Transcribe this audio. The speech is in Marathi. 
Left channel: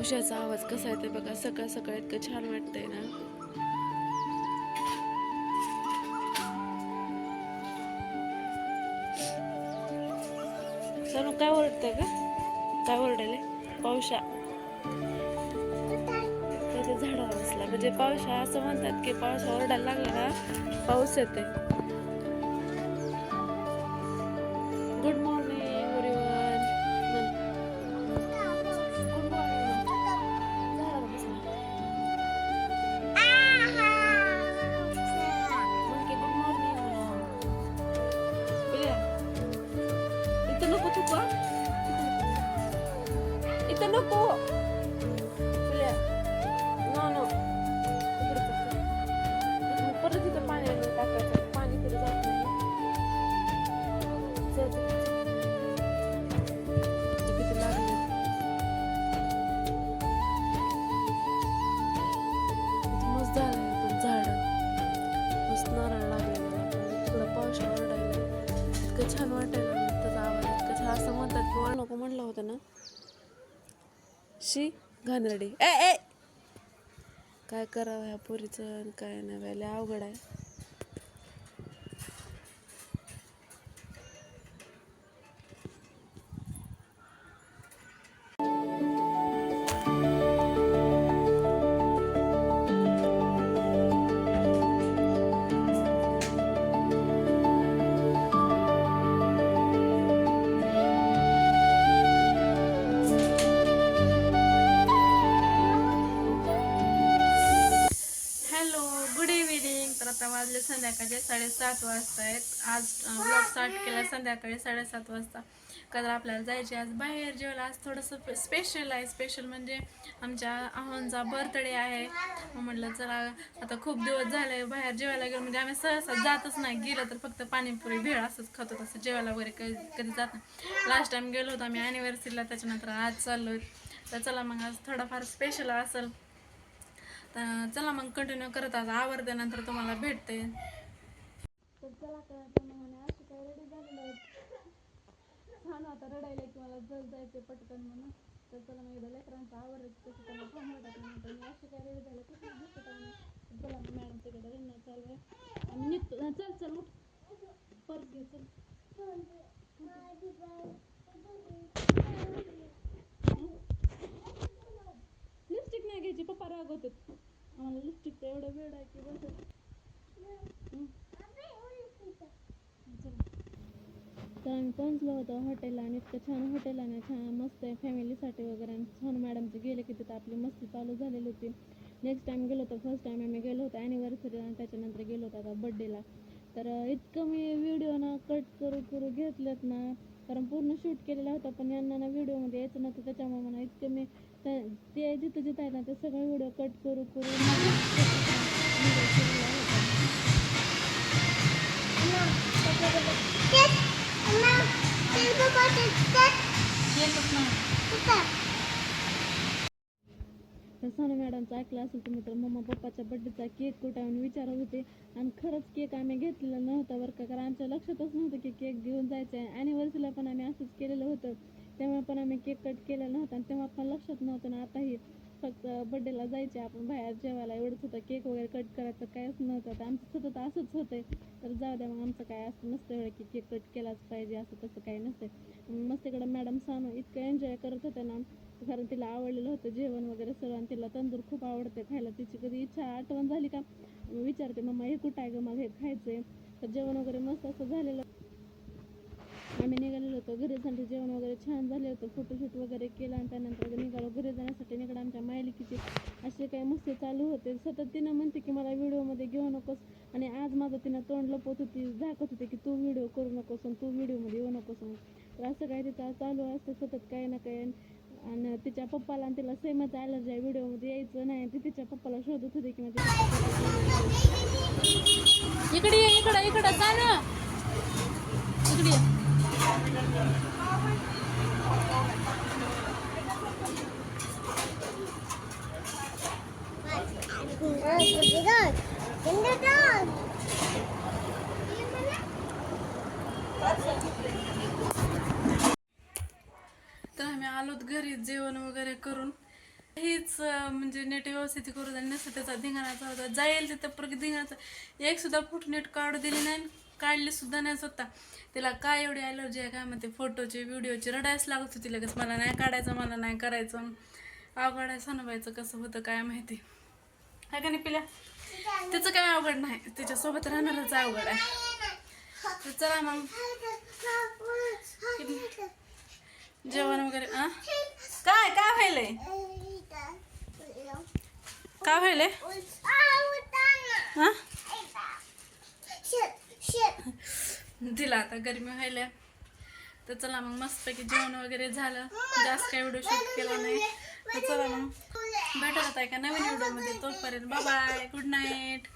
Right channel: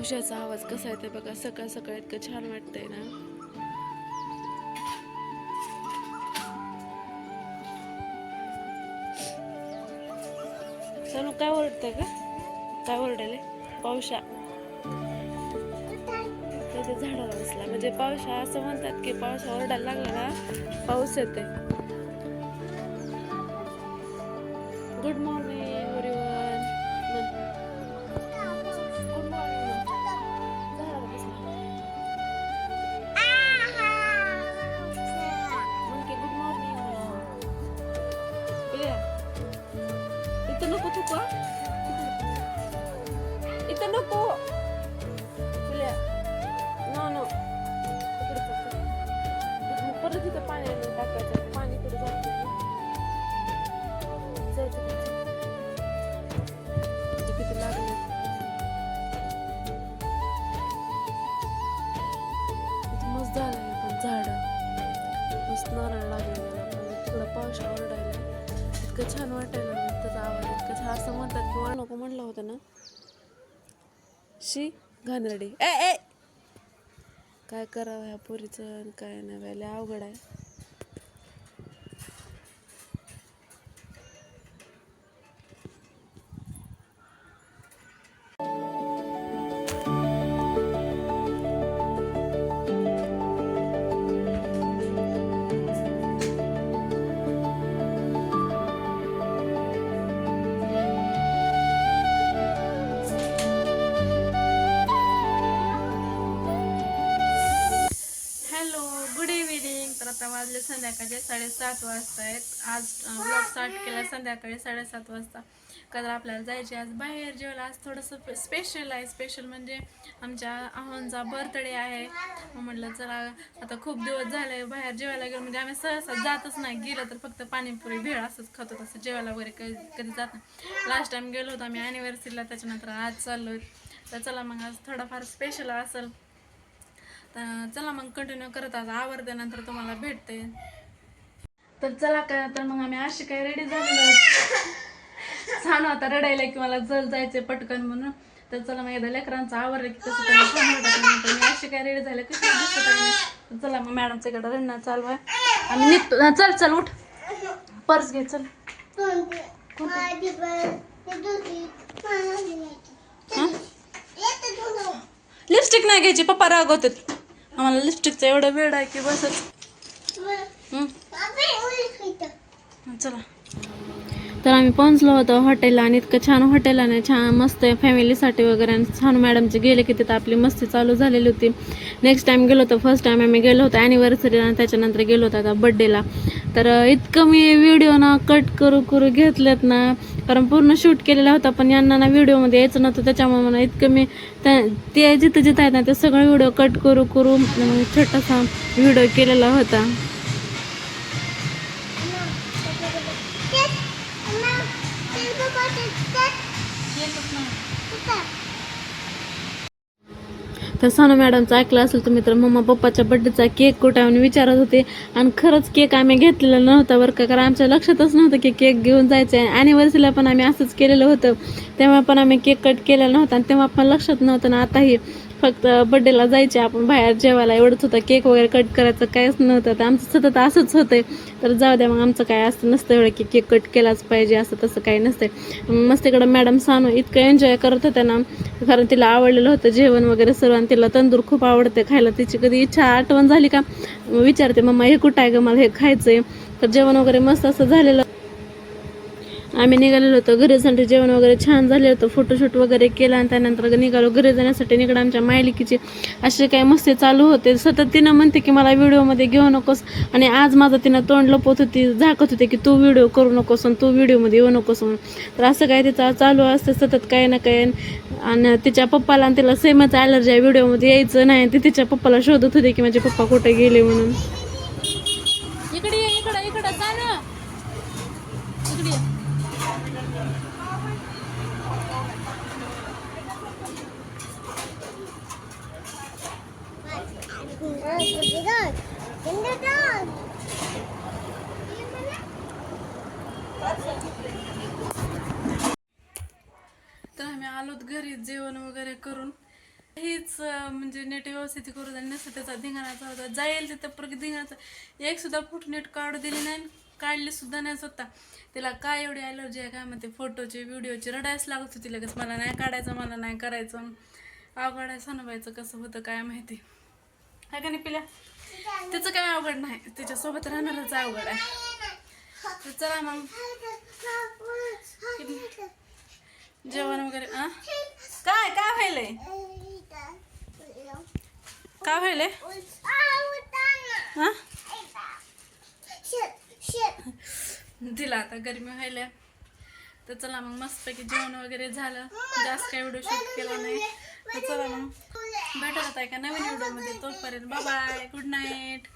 पावसाचा आवाज कसा आहे ते बघा. सकाळ सकाळ इतकं छान वाटतंय ना. चलो काय ओरडतंय का? काय ओरडले? पावसा त्याच्या झाडाला बसला म्हणजे पावसा असं म्हणतात की पावसा ओरडायला लागला ना पाऊस येते. Good morning everyone. Good morning. झाडाला बसला मग की गुड मॉर्निंग म्हणा. इथं नको चुका, इथं नको. नो नो परत इथं पाणी टाकायचं. पाणी कडे जात नाही. किती लागले मस्त झालंय पण झाड मस्त नारळ लागलेलं. पण तिकडं पाऊस ओरडायला इतकं छान वाटायला त्याचा आवाज इतकं छान. असं म्हणतात की नको म्हणलं होतं ना शी घाणेरडी. ए ए काय करावं ह्या पोरीचं काय नाही व्हायला अवघड आहे. Good evening. तर आता वाजले संध्याकाळचे 7:30 वाजता आहेत. आज ब्लॉग स्टार्ट केला संध्याकाळी 7:30 वाजता. का तर आपल्याला जायचे आज बाहेर जेवायला. आज थोडंसं स्पेशल आहे. स्पेशल म्हणजे आमच्या आहोंचा बर्थडे आहे. म्हटलं चला आता खूप दिवस झाले बाहेर जेवायला गेलो. म्हणजे आम्ही सहसा जातच नाही. गेलं तर फक्त पाणीपुरी भेळ असंच खातो. तसं जेवायला वगैरे कधी जात नाही. लास्ट टाइम गेलो होतो आम्ही ॲनिव्हर्सरीला. त्याच्यानंतर आज चाललो. तर चला मग आज थोडाफार स्पेशल असेल. तर चला मग कंटिन्यू करत आज आवडते नंतर तुम्हाला भेटते. तर चला काय तर मग आम्ही अशी काही रेडी झालेलो. छान आता रडायला की मला जायचे पटकन म्हणून. तर चला मग एकदा लेकरांचं आवडलं की कसं त्यांना छान वाटत. मी अशी काय रेडी झाले कशी दिसत. चला मग मॅडमच्या इकडे रडणं चालू आहे. आम्ही निघतो. चल चल उठ पर्स घे चल. लिपस्टिक नाही घ्यायची पप्पा रागवतात. आम्हाला लिपस्टिकचा एवढा वेळ आहे की बसच. चला तर आम्ही पोहोचलो होतो हॉटेलला. आणि इतकं छान हॉटेल आहे छान मस्त आहे फॅमिलीसाठी वगैरे. आणि छान मॅडमचे गेले की तिथं आपली मस्ती चालू झालेली होती. नेक्स्ट टाइम गेलो होतो. फर्स्ट टाइम आम्ही गेलो होतो ॲनिव्हर्सरीला आणि त्याच्यानंतर गेलो होतो आता बड्डेला. तर इतकं मी व्हिडिओ ना कट करू घेतलेत ना. कारण पूर्ण शूट केलेला होता पण यांना ना व्हिडिओमध्ये यायचं नव्हतं. त्याच्यामुळे मला इतकं मी ते जिथं जिथं आहेत ना ते सगळं व्हिडिओ कट करू छोटासा व्हिडिओ केलेला होता. तर सोनू मॅडमचं ऐकलं असेल तुम्ही तर मम्मा पप्पाच्या बड्डेचा केक कुठे आम्ही विचारत होते. आणि खरंच केक आम्ही घेतलेला नव्हता बरं का. कारण आमच्या लक्षातच नव्हतं की केक घेऊन जायचं आहे. ॲनिव्हर्सरीला पण आम्ही असंच केलेलं होतं. तेव्हा पण आम्ही केक कट केलेला नव्हता आणि तेव्हा पण लक्षात नव्हतं ना. आताही फक्त बड्डेला जायचे आपण बाहेर जेवायला एवढंच होतं. केक वगैरे कट करायचं काहीच नव्हतं. तर आमचं सतत असंच होतंय. तर जाऊ द्या मग आमचं काय असं नसतं एवढं की केक कट केलाच पाहिजे असं तसं काही नसतं. मस्त इकडं मॅडम सानू इतकं एन्जॉय करत होत्या ना. कारण तिला आवडलेलं होतं जेवण वगैरे सर्व. आणि तिला तंदूर खूप आवडते खायला. तिची कधी आठवण झाली का विचारते मम्मा हे कुठं आहे ग मला हे खायचंय. तर जेवण वगैरे मस्त असं झालेलं. आम्ही निघालेलो होतो घरी जाण्यासाठी. जेवण वगैरे छान झालं होतं. फोटोशूट वगैरे केला आणि त्यानंतर निघालो घरी जाण्यासाठी. निघालो आमच्या मायलिकीचे असे काही मस्ती चालू होते. सतत तिनं म्हणते की मला व्हिडिओमध्ये घेऊ नकोस. आणि आज माझं तिनं तोंड लपवत होती झाकत होते की तू व्हिडिओ करू नकोस आणि तू व्हिडिओमध्ये येऊ नकोस म्हणून. तर असं काय तिचं चालू असतं सतत काही ना काही. आणि तिच्या पप्पाला आणि तिला सेमच ॲलर्जी आहे व्हिडिओमध्ये यायचं नाही. ती तिच्या पप्पाला शोधत होते की माझे पप्पा कुठे गेले म्हणून. इकडे इकडं इकडं चाल इकडे. तर आम्ही आलोत घरी जेवण वगैरे करून. हेच म्हणजे नेट व्यवस्थित करू द्या नसतं त्याचा धिंगाणाचा होता जाईल तिथं परत धिंगाणाचा एक सुद्धा फोटो नेट काढू दिली नाही काढली सुद्धा नाही स्वतः तिला काय एवढी ॲलर्जी आहे काय म्हणते फोटोची व्हिडिओची रडायच लागत होती लगेच मला नाही काढायचं मला नाही करायचं अवघड आहे सणवायचं कसं होतं काय माहिती आहे का नाही पिल्या त्याचं काय अवघड नाही त्याच्यासोबत राहणारच अवघड आहे तर चला मग जेवण वगैरे काय काय व्हायलंय काय व्हायलंय हा दिला आता गरमी व्हायला तर चला मग मस्तपैकी जेवण वगैरे झालं जास्त काही व्हिडिओ शूट केला नाही तर चला मग भेटत होता एका नवीन व्हिडिओमध्ये तोपर्यंत बाय बाय गुड नाईट